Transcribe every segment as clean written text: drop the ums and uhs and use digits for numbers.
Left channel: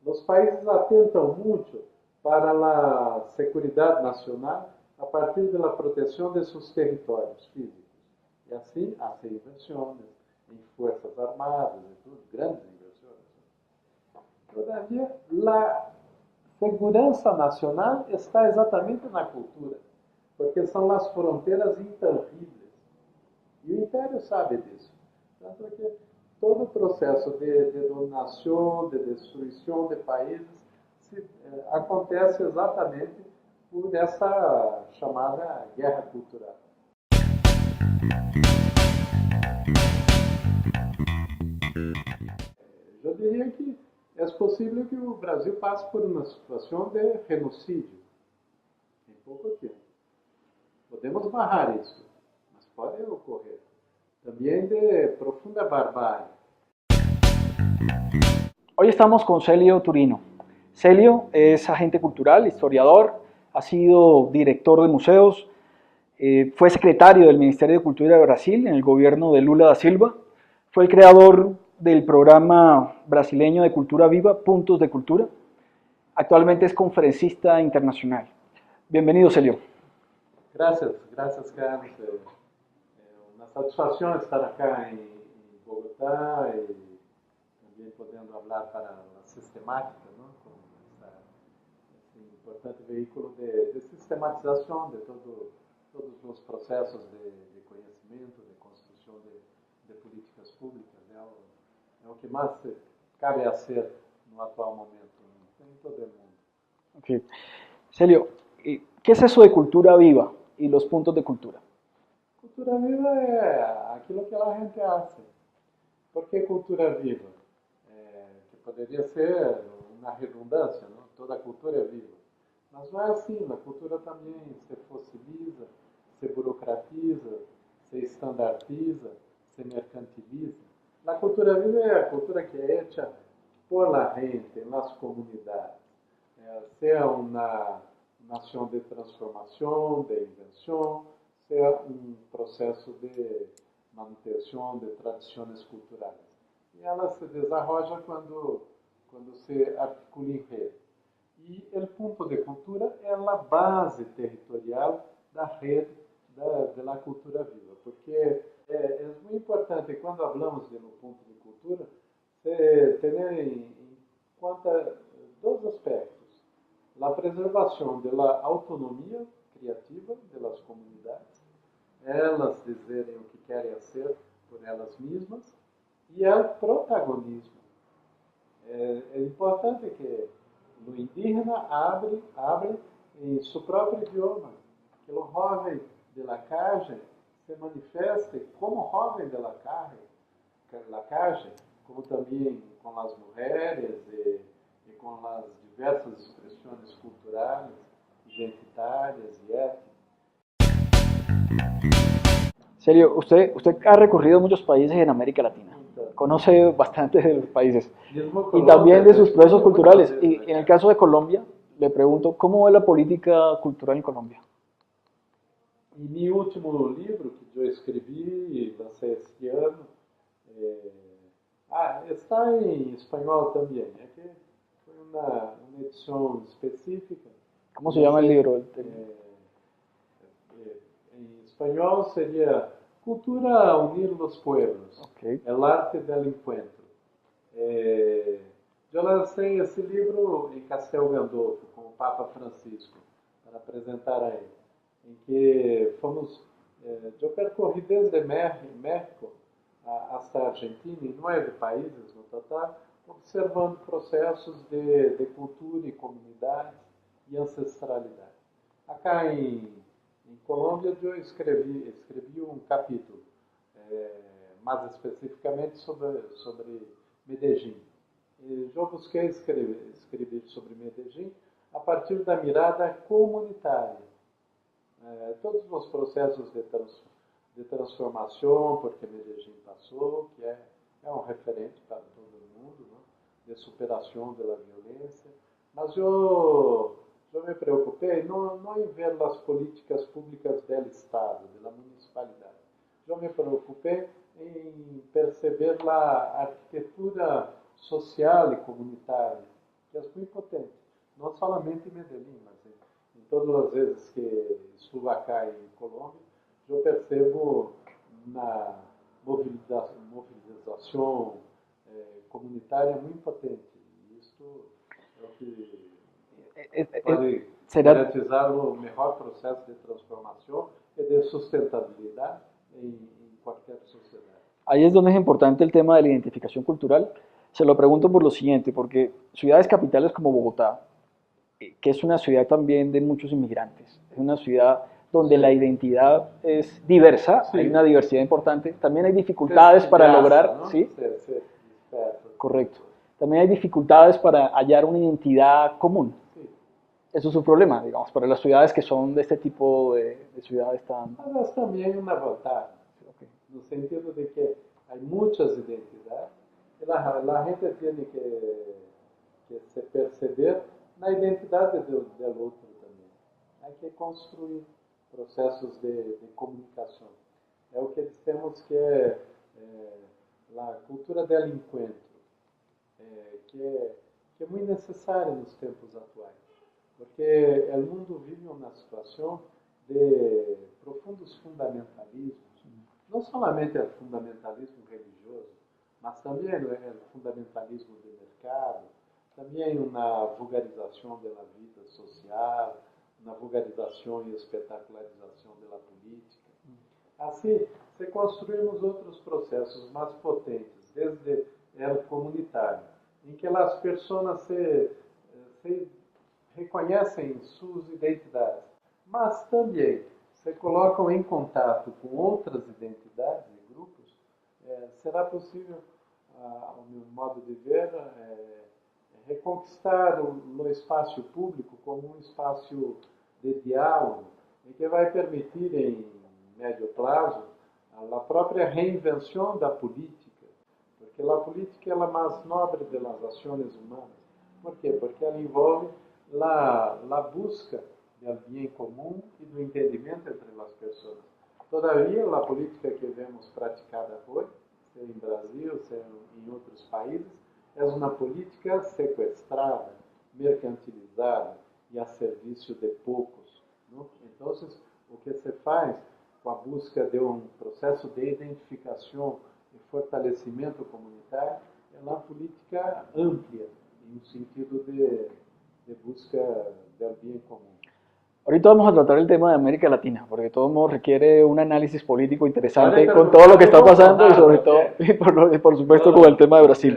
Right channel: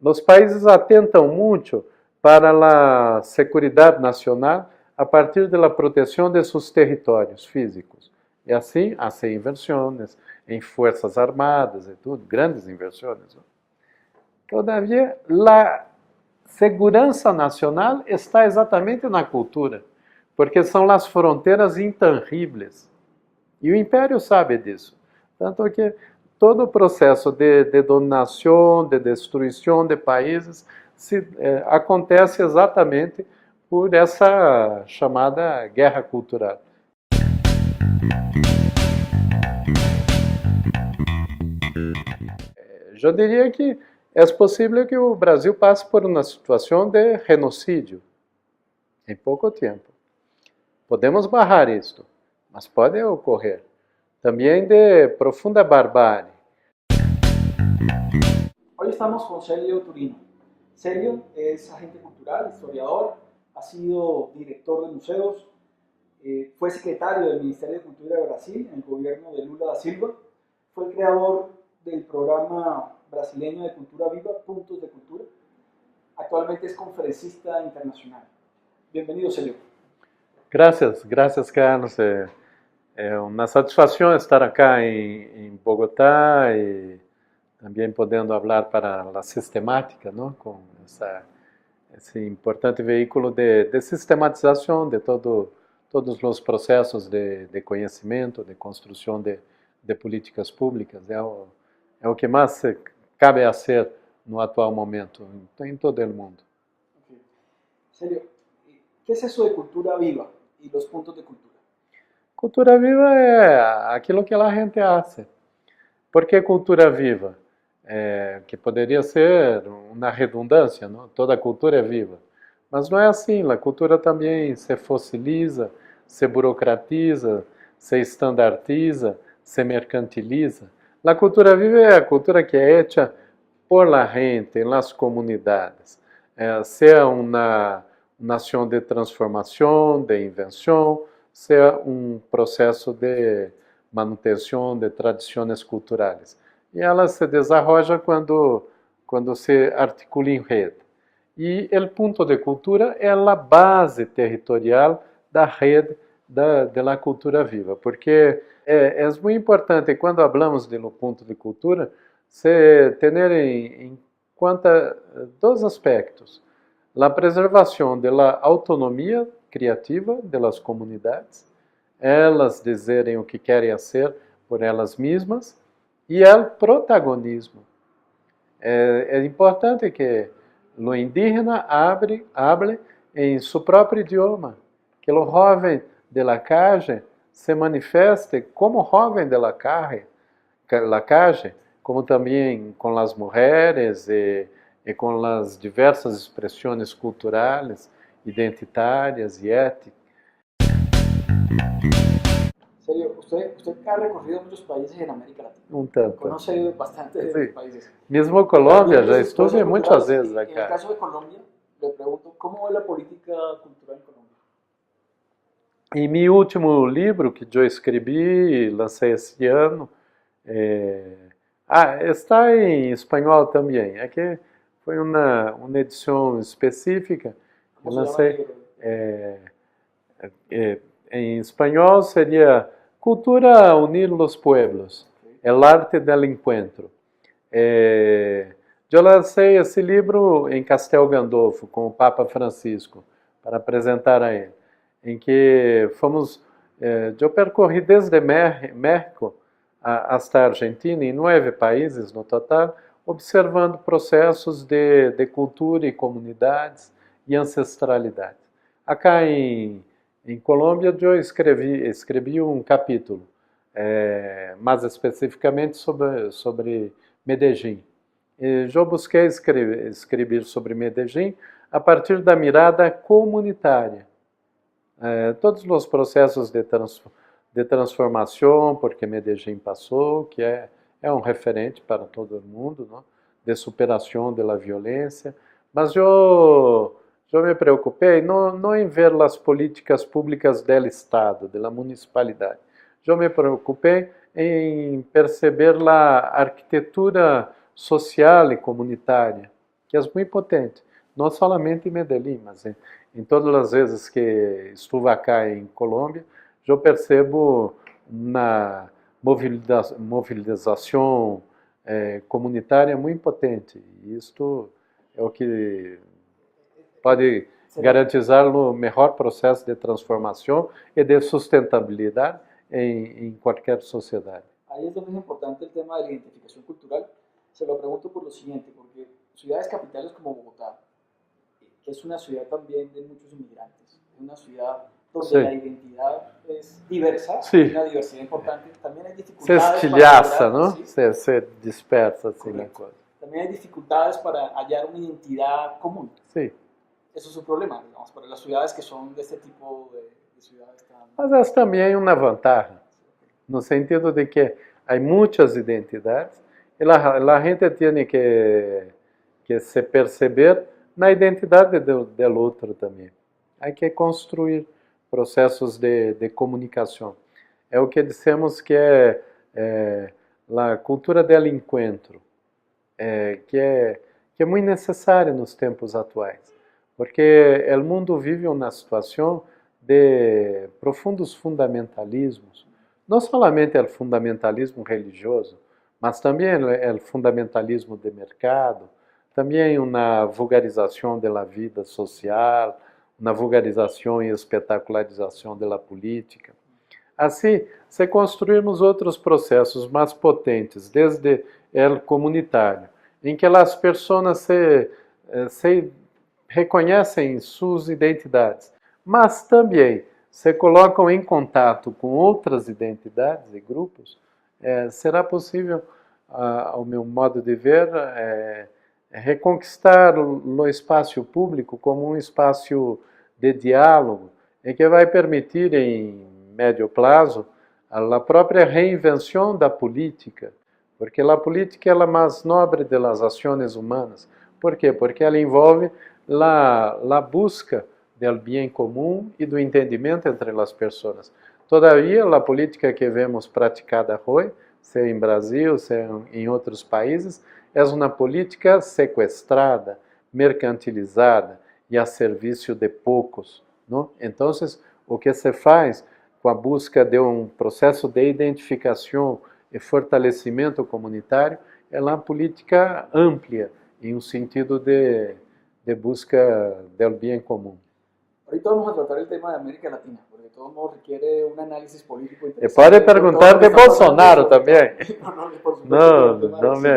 Los países atentan mucho para la seguridad nacional a partir de la protección de sus territorios físicos. E assim, hacen inversiones em fuerzas armadas e tudo, grandes inversiones. Todavia, a segurança nacional está exatamente na cultura, porque são as fronteiras intangíveis. E o Império sabe disso. Tanto que todo o processo de dominação, de destruição de países, acontece exatamente por essa chamada guerra cultural. Eu diria que é possível que o Brasil passe por uma situação de genocídio em pouco tempo. Podemos barrar isto, mas pode ocorrer. Também de profunda barbárie. Hoy estamos con Celio Turino. Celio es agente cultural, historiador, ha sido director de museos, fue secretario del Ministerio de Cultura de Brasil en el gobierno de Lula da Silva, fue el creador del programa brasileño de cultura viva, Puntos de Cultura. Actualmente es conferencista internacional. Bienvenido, Celio. Gracias, gracias, Carlos. É uma satisfação estar aqui em Bogotá e também podendo falar para a sistemática, não? Com esse importante veículo de sistematização de todos os processos de conhecimento, de construção de políticas públicas. É o que mais cabe a ser no atual momento, em todo o mundo. Okay. Celio, ¿qué es eso de cultura viva y los puntos de cultura? Cultura viva é aquilo que a gente hace. Por que cultura viva? Que poderia ser uma redundância, não? Toda cultura é viva. Mas não é assim, a cultura também se fossiliza, se burocratiza, se estandartiza, se mercantiliza. A cultura viva é a cultura que é hecha por la gente, nas comunidades. Seja uma nação de transformação, de invenção, seja um processo de manutenção de tradições culturais. E ela se desarrolla quando se articula em rede. E o ponto de cultura é a base territorial da rede da cultura viva, porque é muito importante, quando falamos do ponto de cultura, se ter em conta dois aspectos. A preservação da autonomia criativa das comunidades, elas dizerem o que querem ser por elas mesmas, e o protagonismo. É importante que o indígena hable em seu próprio idioma, que o jovem de la calle se manifeste como jovem de la calle, como também com as mulheres e com as diversas expressões culturais, identitárias e étnicas. Celio, usted ha recorrido muchos países en América Latina. Un tanto. Conoce bastantes de los países. Mismo Colombia, ya estuve muchas veces. Y en el caso de Colombia, le pregunto, ¿cómo ve la política cultural en Colombia? Em meu último livro que eu escrevi, lancei esse ano, está em espanhol também. É que foi uma edição específica. Como se chama o livro? Em espanhol seria Cultura unir los pueblos, Okay. el arte del encuentro. Eu lancei esse livro em Castel Gandolfo, com o Papa Francisco, para apresentar a ele, em que eu percorri desde México hasta Argentina, em 9 países no total, observando processos de cultura e comunidades e ancestralidade. Acá em Colômbia, eu escrevi um capítulo, mais especificamente sobre Medellín. Eu busquei escrever sobre Medellín a partir da mirada comunitária. Todos os processos de transformação, porque Medellín passou, que é um referente para todo mundo, não? De superação da violência, mas eu me preocupei não em ver as políticas públicas do Estado, da municipalidade. Eu me preocupei em perceber a arquitetura social e comunitária que é muito potente. Não somente em Medellín, mas em todas as vezes que estive cá em Colômbia, eu percebo na mobilização comunitária muito potente. E isto é o que pode garantizar o melhor processo de transformação e de sustentabilidade en cualquier sociedad. Ahí es donde es importante el tema de la identificación cultural. Se lo pregunto por lo siguiente, porque ciudades capitales como Bogotá, que es una ciudad también de muchos inmigrantes, es una ciudad donde Sí. la identidad es diversa, Sí. hay una diversidad importante, también hay dificultades Se para estilhaça, lograr, não? ¿sí? Se dispersa. Assim, Correcto. También hay dificultades para hallar una identidad común. Sim. Eso es un problema, digamos, para las ciudades que son de este tipo de ciudades tan... Mas essa também é uma vantagem, no sentido de que há muitas identidades e a gente tem que se perceber na identidade do outro também. Há que construir processos de comunicação. É o que dissemos que é a cultura do encontro, que é muito necessária nos tempos atuais, porque o mundo vive uma situação de profundos fundamentalismos, não somente o fundamentalismo religioso, mas também o fundamentalismo de mercado, também uma vulgarização da vida social, uma vulgarização e espetacularização da política. Assim, se construirmos outros processos mais potentes, desde o comunitário, em que as pessoas se reconhecem suas identidades, mas também se colocam em contato com outras identidades e grupos, será possível, ao meu modo de ver, reconquistar o espaço público como um espaço de diálogo e que vai permitir, em médio prazo, a própria reinvenção da política, porque a política é a mais nobre das ações humanas. Por quê? Porque ela envolve a busca do bem comum e do entendimento entre as pessoas. Todavia, a política que vemos praticada hoje, seja em Brasil, seja em outros países, é uma política sequestrada, mercantilizada e a serviço de poucos. Não? Então, o que se faz com a busca de um processo de identificação e fortalecimento comunitário é uma política ampla, em um sentido de busca del bien común. Ahorita vamos a tratar el tema de América Latina, porque de todos modos requiere un análisis político interesante. Puede preguntar de Bolsonaro también. Y por supuesto con el tema de Brasil.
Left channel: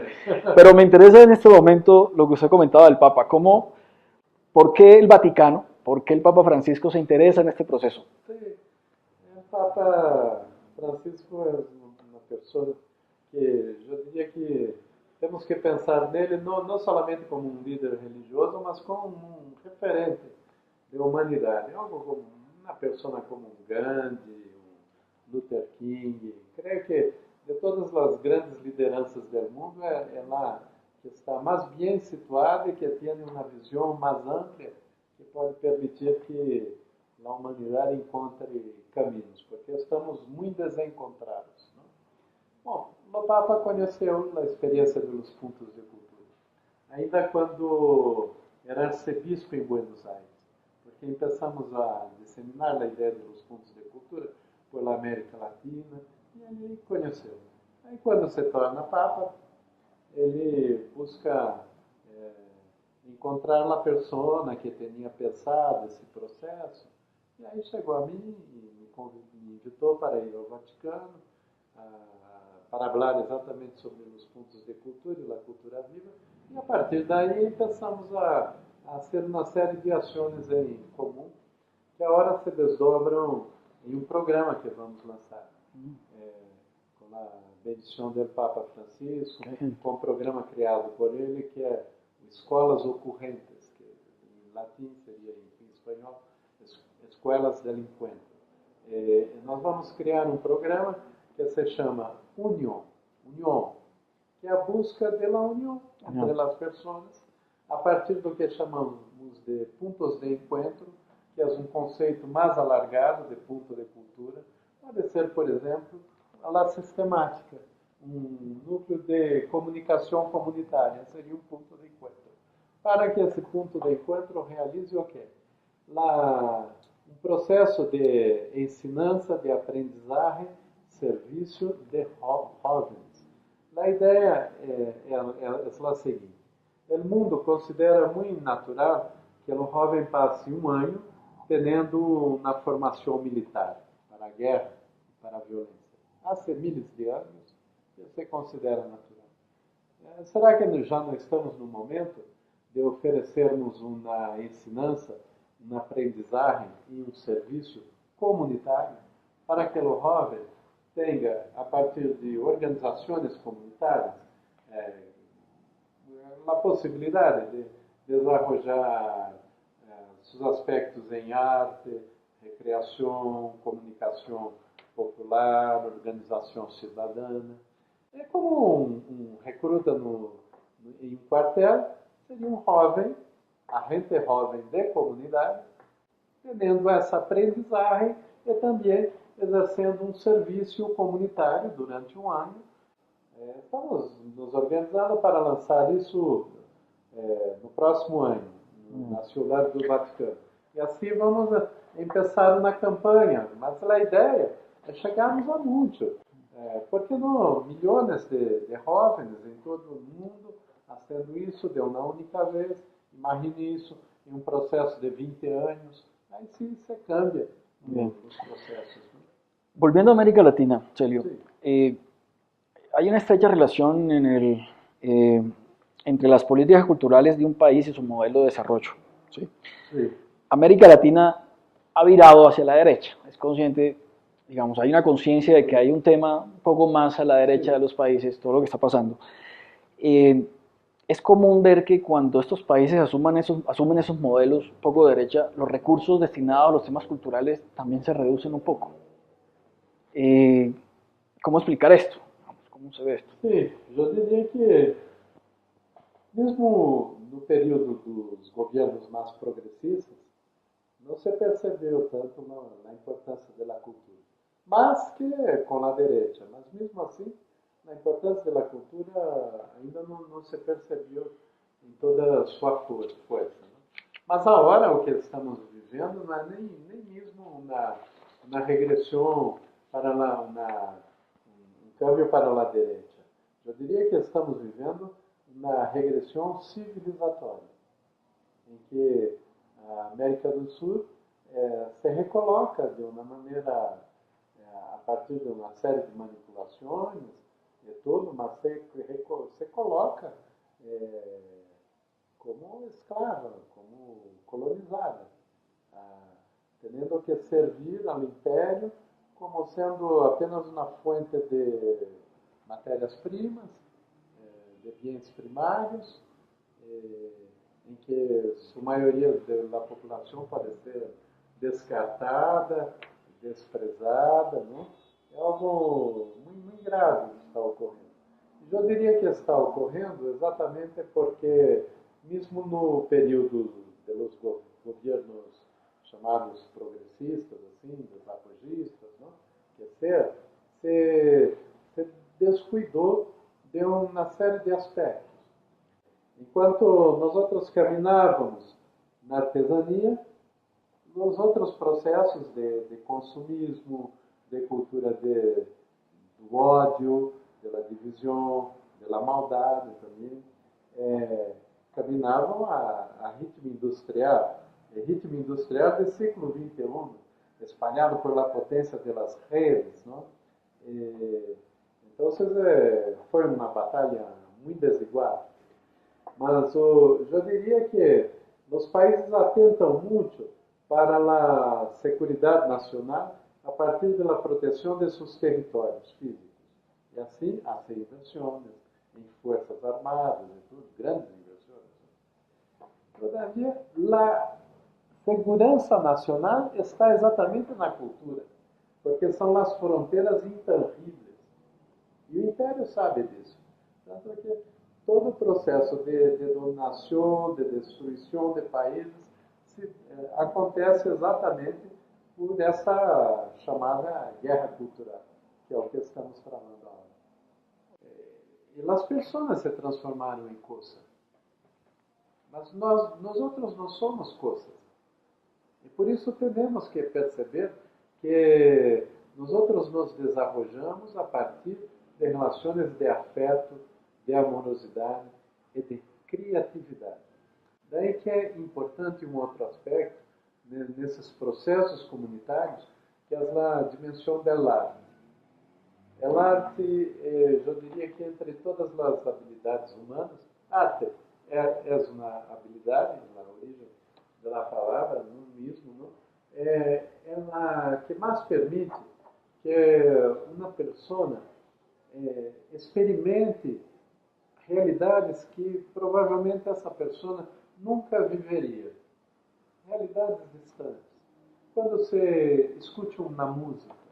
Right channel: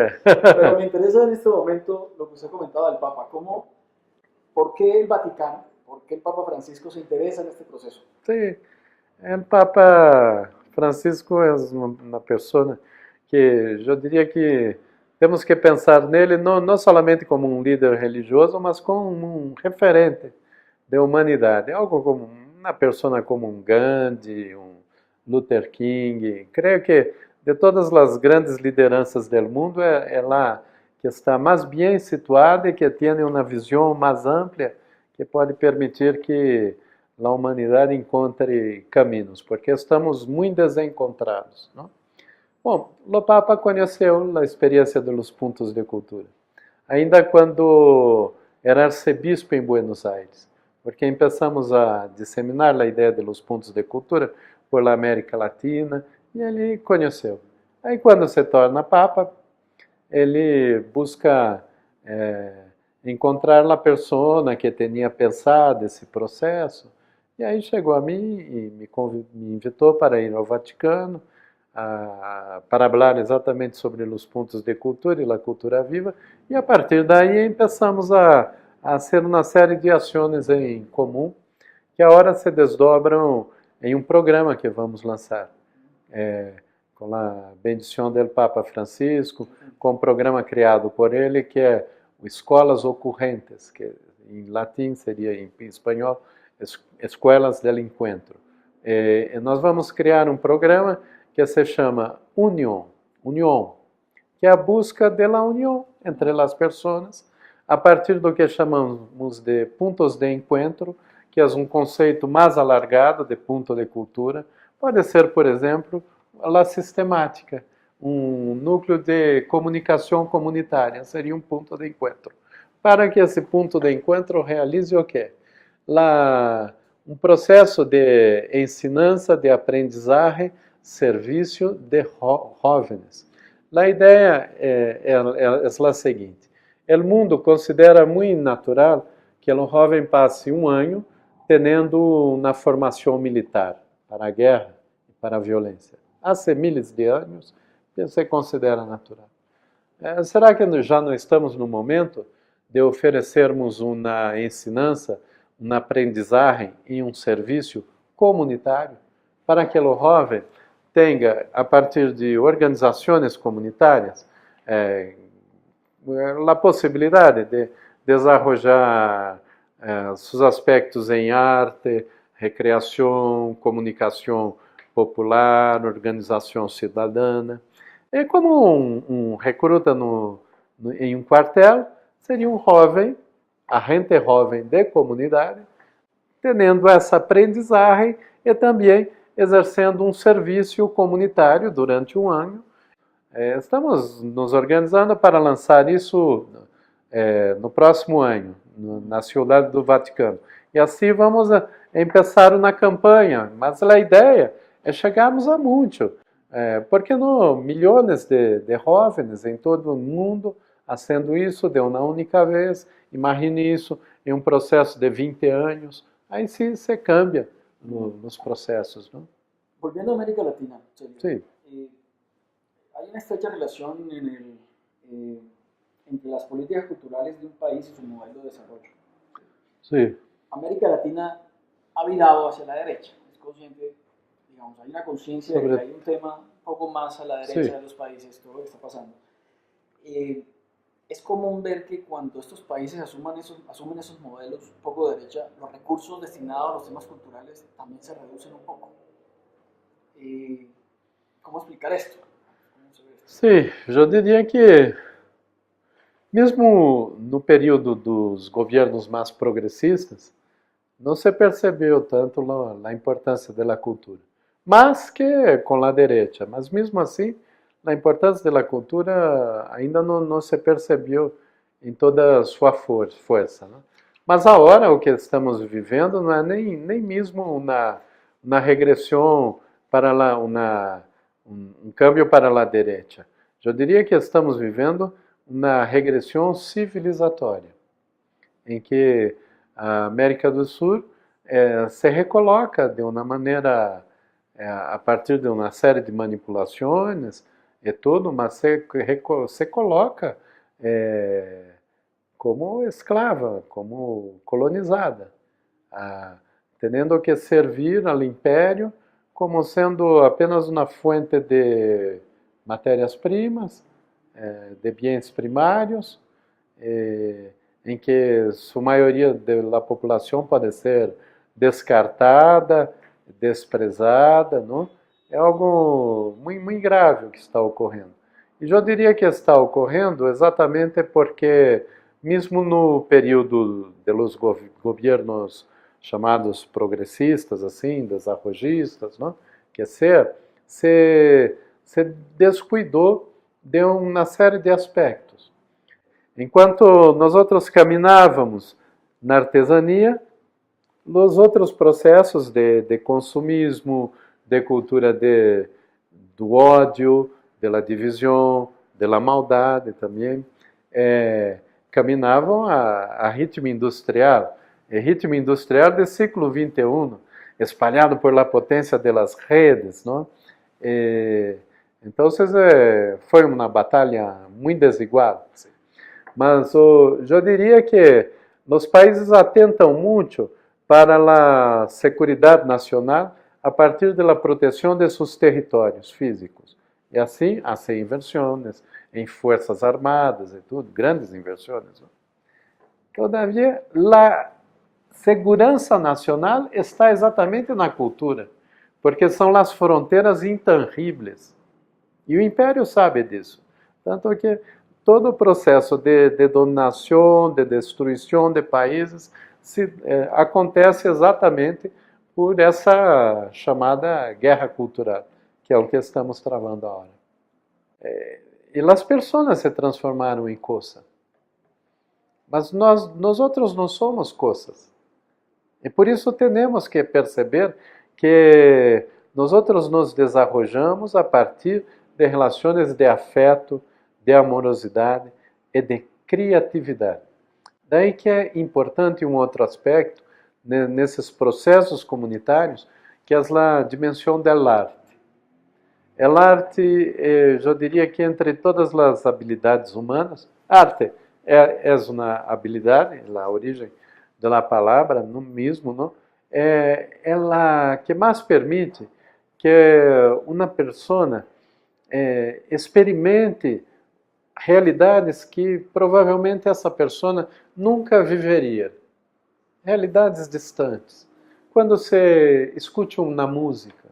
Pero me interesa en este momento lo que usted comentaba del Papa. ¿Por qué el Vaticano, por qué el Papa Francisco se interesa en este proceso? Sí, el Papa Francisco es una persona que yo diría que temos que pensar nele não somente como um líder religioso, mas como um referente da humanidade. Algo como uma pessoa como um Gandhi, um Luther King. Creio que de todas as grandes lideranças do mundo é lá que está mais bem situada e que tem uma visão mais ampla que pode permitir que a humanidade encontre caminhos, porque estamos muito desencontrados, não? Bom, o Papa conheceu a experiência dos pontos de cultura, ainda quando era arcebispo em Buenos Aires, porque começamos a disseminar a ideia dos pontos de cultura por la América Latina, e ele conheceu. Aí, quando se torna Papa, ele busca encontrar a pessoa que tinha pensado esse processo, e aí chegou a mim e me invitou para ir ao Vaticano, para falar exatamente sobre os pontos de cultura e a cultura viva, e a partir daí começamos a hacer uma série de ações em comum, que agora se desdobram em um programa que vamos lançar, com a bendição do Papa Francisco, com um programa criado por ele, que é Escolas Ocorrentes, que em latim seria, em espanhol, Escolas del Encuentro. E nós vamos criar um programa que se chama União, que é a busca da união entre as pessoas, a partir do que chamamos de pontos de encontro, que é um conceito mais alargado de ponto de cultura. Pode ser, por exemplo, a sistemática, um núcleo de comunicação comunitária, seria um ponto de encontro. para que esse ponto de encontro realize o quê? Um processo de ensinança, de aprendizagem, serviço de jóvenes. A ideia é a seguinte: o mundo considera muito natural que o jovem passe um ano tendo uma formação militar para a guerra e para a violência. Há milhares de anos que se considera natural. Será que já não estamos no momento de oferecermos uma ensinança, uma aprendizagem e um serviço comunitário para que o jovem tenha, a partir de organizações comunitárias, a possibilidade de desenvolver seus aspectos em arte, recreação, comunicação popular, organização cidadã. É como um recruta em um quartel, seria um jovem, agente jovem de comunidade, tendo essa aprendizagem e também exercendo um serviço comunitário durante um ano. Estamos nos organizando para lançar isso no próximo ano, na Ciudad do Vaticano. E assim vamos começar na campanha, mas a ideia é chegarmos a muito. Porque não milhões de jovens em todo o mundo fazendo isso de uma única vez. Imagine isso em um processo de 20 anos. Aí sim se cambia nos processos. ¿No? Volviendo a América Latina, Celio, Sí. Hay una estrecha relación entre las políticas culturales de un país y su modelo de desarrollo. ¿Sí? Sí. América Latina ha virado hacia la derecha, es consciente, digamos, hay una conciencia de que hay un tema un poco más a la derecha de los países, todo lo que está pasando. Es común ver que cuando estos países asumen esos modelos un poco de derecha, los recursos destinados a los temas culturales también se reducen un poco. ¿Cómo explicar esto? ¿Cómo se ve esto? Sim, eu diria que mesmo no período dos governos mais progressistas, não se percebeu tanto a importância da cultura. Mas que com a direita, mas mesmo assim, a importância da cultura ainda não se percebeu em toda a sua força. Né? Mas agora o que estamos vivendo não é nem mesmo uma regressão para lá, um câmbio para a direita. Eu diria que estamos vivendo uma regressão civilizatória, em que a América do Sul se recoloca de uma maneira, a partir de uma série de manipulações e tudo, mas se coloca como escrava, como colonizada, tendo que servir ao império como sendo apenas uma fonte de matérias-primas, de bens primários, em que sua maioria da população pode ser descartada, desprezada, não? É algo muito grave o que está ocorrendo. E eu diria que está ocorrendo exatamente porque, mesmo no período dos governos chamados progressistas, assim, desarrollistas, não? Que se descuidou de uma série de aspectos. Enquanto nós outros caminhávamos na artesania, nos outros processos de consumismo, de cultura do ódio, da divisão, da maldade também, caminhavam a ritmo industrial. Ritmo industrial do século XXI, espalhado por la potência das redes, não? Então, foi uma batalha muito desigual. Mas eu diria que os países atentam muito para a segurança nacional a partir da proteção de seus territórios físicos. E assim, há inversões em forças armadas e tudo, grandes inversões. Todavia, a segurança nacional está exatamente na cultura, porque são as fronteiras intangíveis. E o Império sabe disso. Tanto que todo o processo de dominação, de destruição de países, acontece exatamente por essa chamada guerra cultural, que é o que estamos travando agora. E as pessoas se transformaram em coisa. mas nós outros não somos coisas. E por isso temos que perceber que nós outros nos desarrollamos a partir de relações de afeto, de amorosidade e de criatividade. Daí que é importante um outro aspecto nesses processos comunitários, que é a dimensão do arte. O arte, eu diria que entre todas as habilidades humanas, arte é uma habilidade, a origem da palavra no mesmo, não? É ela que mais permite que uma pessoa experimente realidades que provavelmente essa pessoa nunca viveria. Realidades distantes. Quando você escute uma música,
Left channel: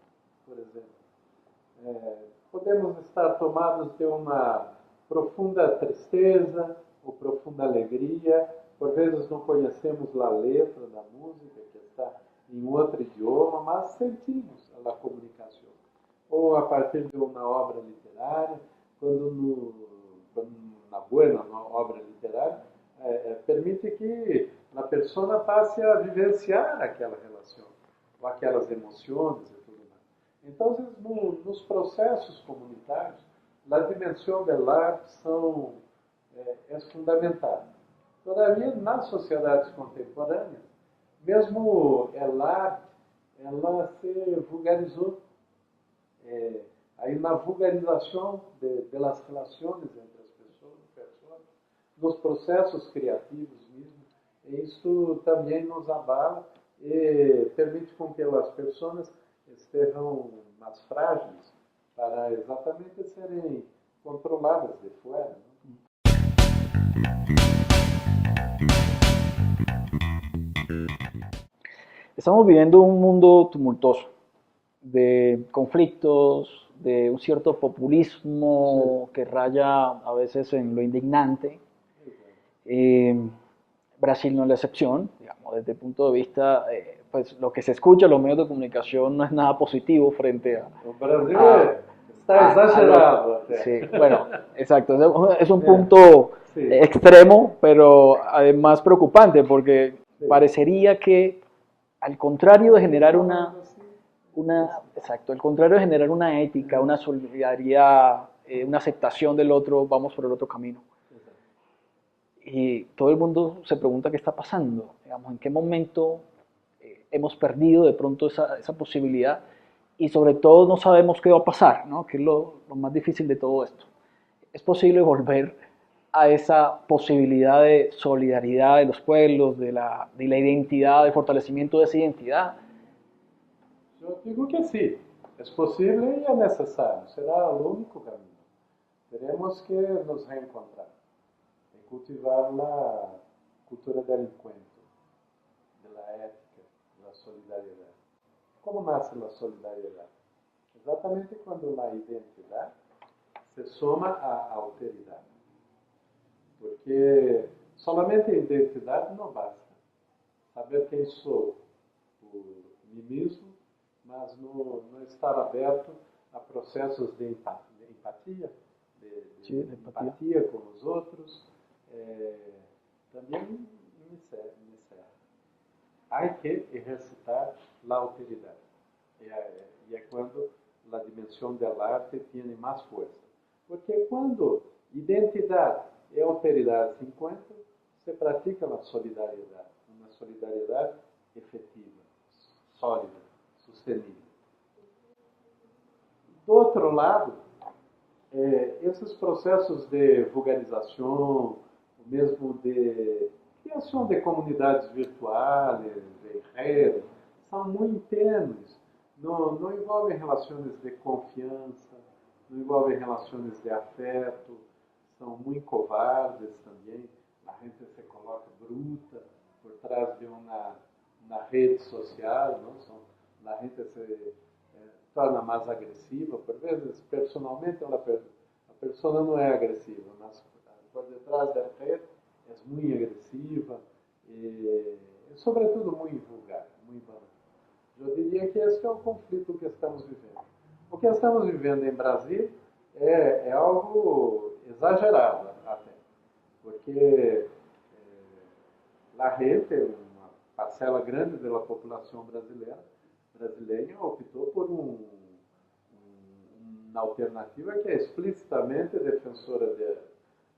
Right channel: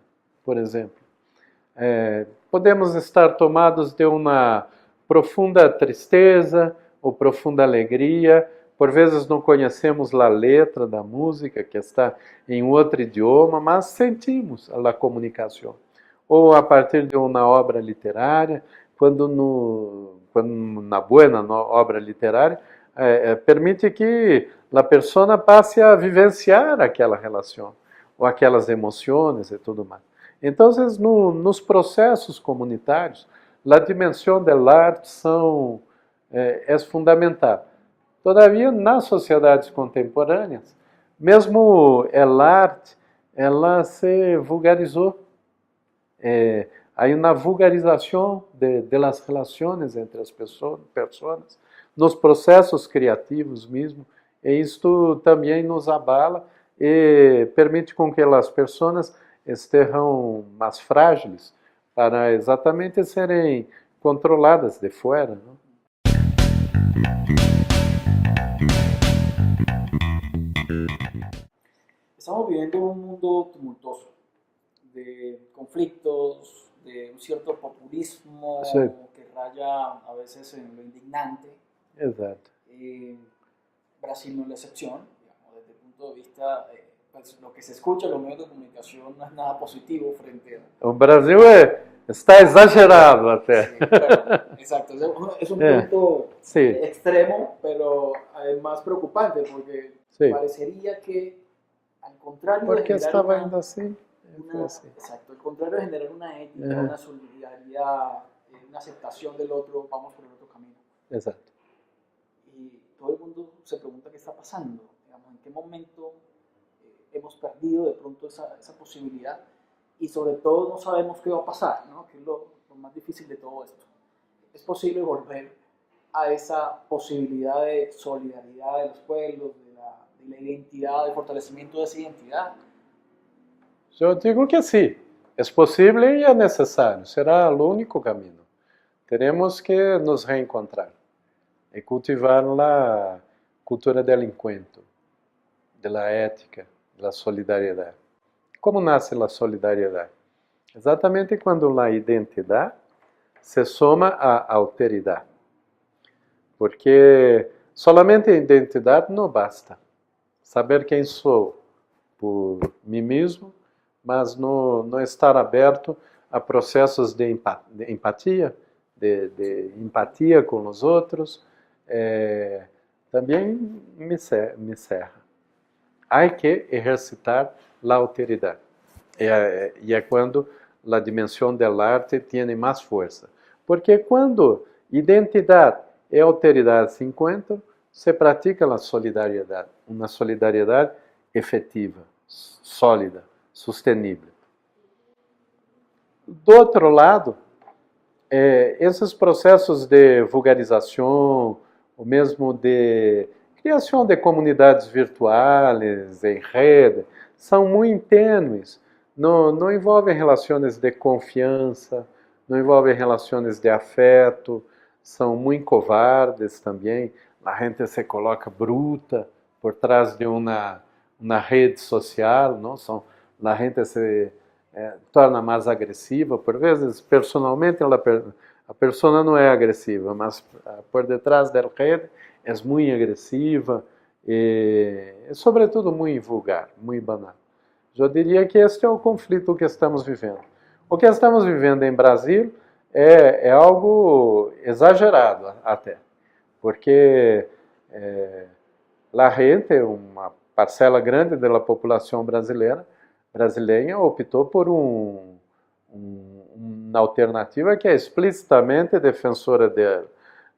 por exemplo, podemos estar tomados de uma profunda tristeza ou profunda alegria. Por vezes não conhecemos a letra da música, que está em outro idioma, mas sentimos a comunicação. Ou a partir de uma obra literária, quando na boa obra literária, permite que a pessoa passe a vivenciar aquela relação, ou aquelas emoções e tudo mais. Então, nos processos comunitários, a dimensão da arte é fundamental. Todavia, nas sociedades contemporâneas, mesmo a arte, ela se vulgarizou. Há uma vulgarização das relações entre as pessoas, nos processos criativos mesmo, e isto também nos abala e permite com que as pessoas estejam mais frágeis para exatamente serem controladas de fora, não? Estamos viviendo un mundo tumultuoso, de conflictos, de un cierto populismo Sí. que raya a veces en lo indignante. Exato. Brasil no es la excepción, digamos, desde el punto de vista, pues lo que se escucha en los medios de comunicación no es nada positivo frente a... O Brasil está exagerado até. Sí, bueno, exacto, es un punto Sí. extremo, pero además preocupante, porque Sí. parecería que al contrario de generar exacto, al contrario de generar una ética, una solidaridad, una aceptación del otro, vamos por el otro camino. Exacto. Y todo el mundo se pregunta qué está pasando, digamos, en qué momento hemos perdido de pronto esa posibilidad y sobre todo no sabemos qué va a pasar, ¿no? Que es lo más difícil de todo esto. ¿Es posible volver a esa posibilidad de solidaridad de los pueblos, de la identidad, de fortalecimiento de esa identidad? Eu digo que sim, é possível e é necessário, será o único caminho. Teremos que nos reencontrar e cultivar a cultura do encontro, da ética, da solidariedade. Como nasce a solidariedade? Exatamente quando a identidade se soma à alteridade. Porque solamente a identidade não basta. Saber quem sou por mim mesmo, mas não estar aberto a processos de empatia, de empatia com os outros, também me cerra. Há que exercitar a alteridade. E é quando a dimensão da arte tem mais força. Porque quando identidade e alteridade se encontram, se pratica a solidariedade, uma solidariedade efetiva, sólida, sustentável. Do outro lado, esses processos de vulgarização, ou mesmo de criação de comunidades virtuais, em rede, são muito tênues, não envolvem relações de confiança, não envolvem relações de afeto, são muito covardes também. A gente se coloca bruta por trás de uma rede social, não? A gente se torna mais agressiva. Por vezes, personalmente, a pessoa não é agressiva, mas por detrás da rede é muito agressiva e, sobretudo, muito vulgar, muito banal. Eu diria que este é o conflito que estamos vivendo. O que estamos vivendo em Brasil é algo exagerado até, porque a gente, uma parcela grande da população brasileira optou por uma alternativa que é explicitamente defensora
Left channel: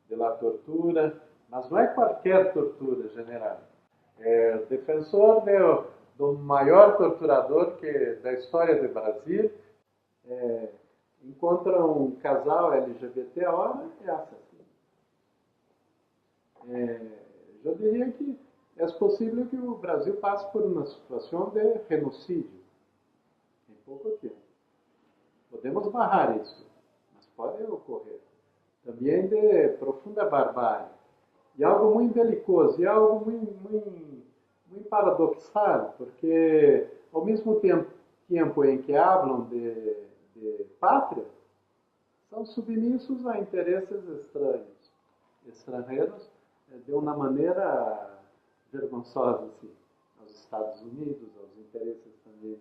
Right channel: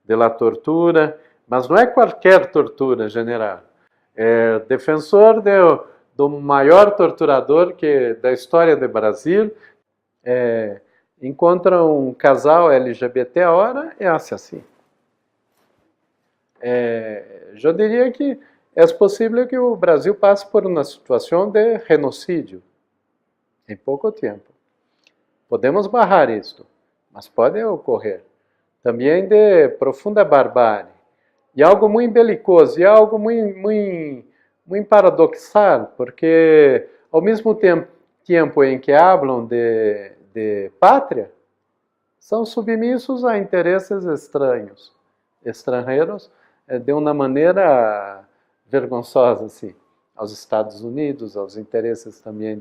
da tortura, mas não é qualquer tortura, general. É defensor do maior torturador da história do Brasil. Encontra um casal LGBT agora e hace assim. Eu diria que é possível que o Brasil passe por uma situação de genocídio em pouco tempo. Podemos barrar isto, mas pode ocorrer. Também de profunda barbárie. E algo muito belicoso, e algo muito paradoxal, porque ao mesmo tempo em que falam de pátria, são submissos a interesses estrangeiros, de uma maneira vergonhosa, assim, aos Estados Unidos, aos interesses também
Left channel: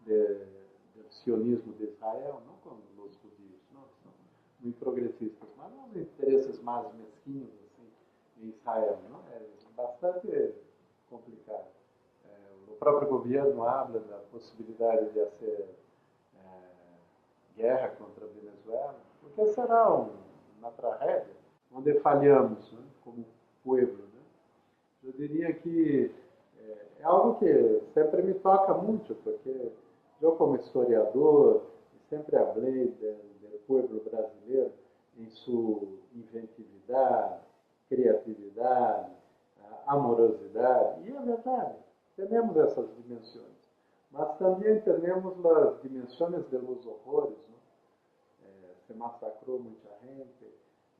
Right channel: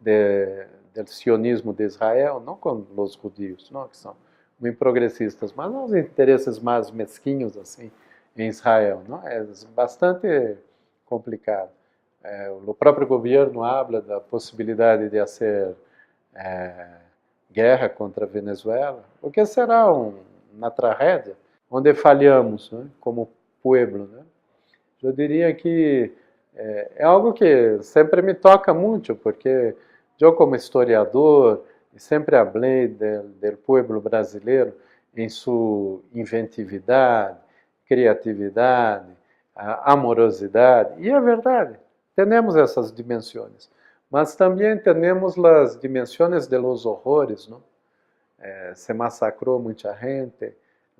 do sionismo de Israel, não com os judeus, não, que são muito progressistas, mas aos interesses mais mesquinhos, assim, em Israel. Não? É bastante complicado. O próprio governo habla da possibilidade de fazer guerra contra a Venezuela, o que será uma tragédia, onde falhamos, né, como povo. Né? Eu diria que é algo que sempre me toca muito, porque eu, como historiador, sempre falei do povo brasileiro em sua inventividade, criatividade, amorosidade. E é verdade, temos essas dimensões. Mas também temos as dimensões de los horrores, não? Se massacrou muita gente,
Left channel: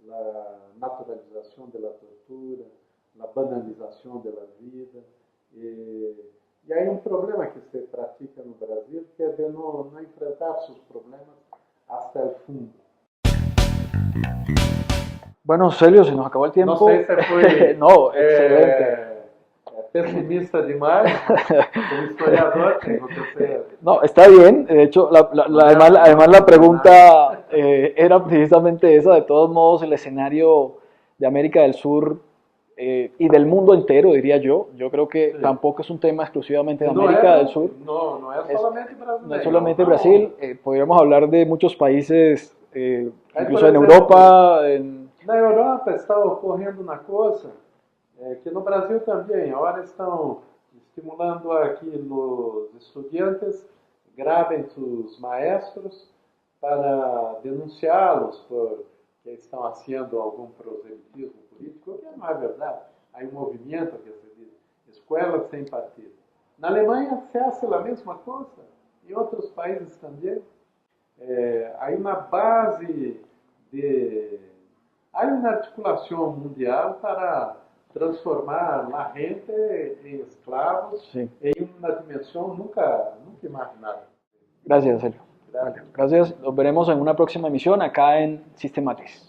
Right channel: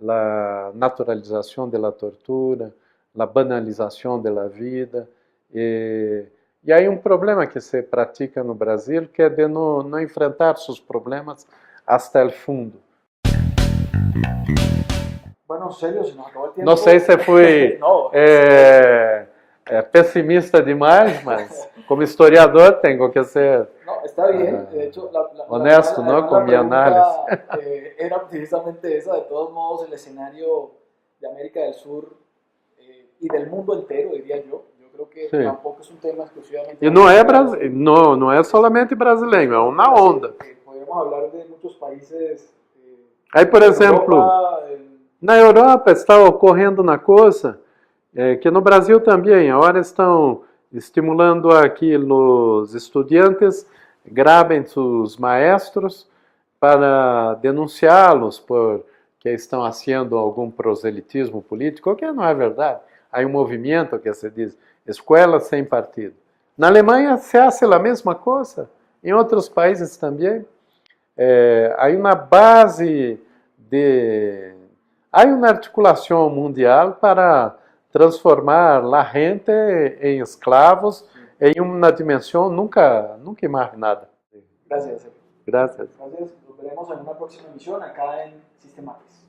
a naturalização da tortura, a banalização da vida. E aí um problema que se pratica no Brasil, que é de não enfrentar seus problemas até o fundo. Bueno, Celio, se nos acabó el tiempo. Não sei se foi no, pessimista demais, mas como historiador tengo que ser... No, está bien. De hecho, además la pregunta era precisamente esa. De todos modos, el escenario de América del Sur y del mundo entero, diría yo. Yo creo que sí. Tampoco es un tema exclusivamente de América del Sur. No es solamente brasileño, es una onda. Podríamos hablar de muchos países aí, por exemplo, Europa, na Europa está ocorrendo uma coisa que no Brasil também. Agora estão estimulando aqui os estudantes, gravem seus maestros para denunciá-los por que estão fazendo algum proselitismo político, o que não é verdade. Há um movimento que se diz escola sem partido. Na Alemanha se faz a mesma coisa, em outros países também. Há uma base há uma articulação mundial para transformar a gente em escravos. Sim. Em uma dimensão nunca imaginada. Gracias, Celio. Gracias. Gracias. Nos veremos en una próxima emisión acá en Systematrix.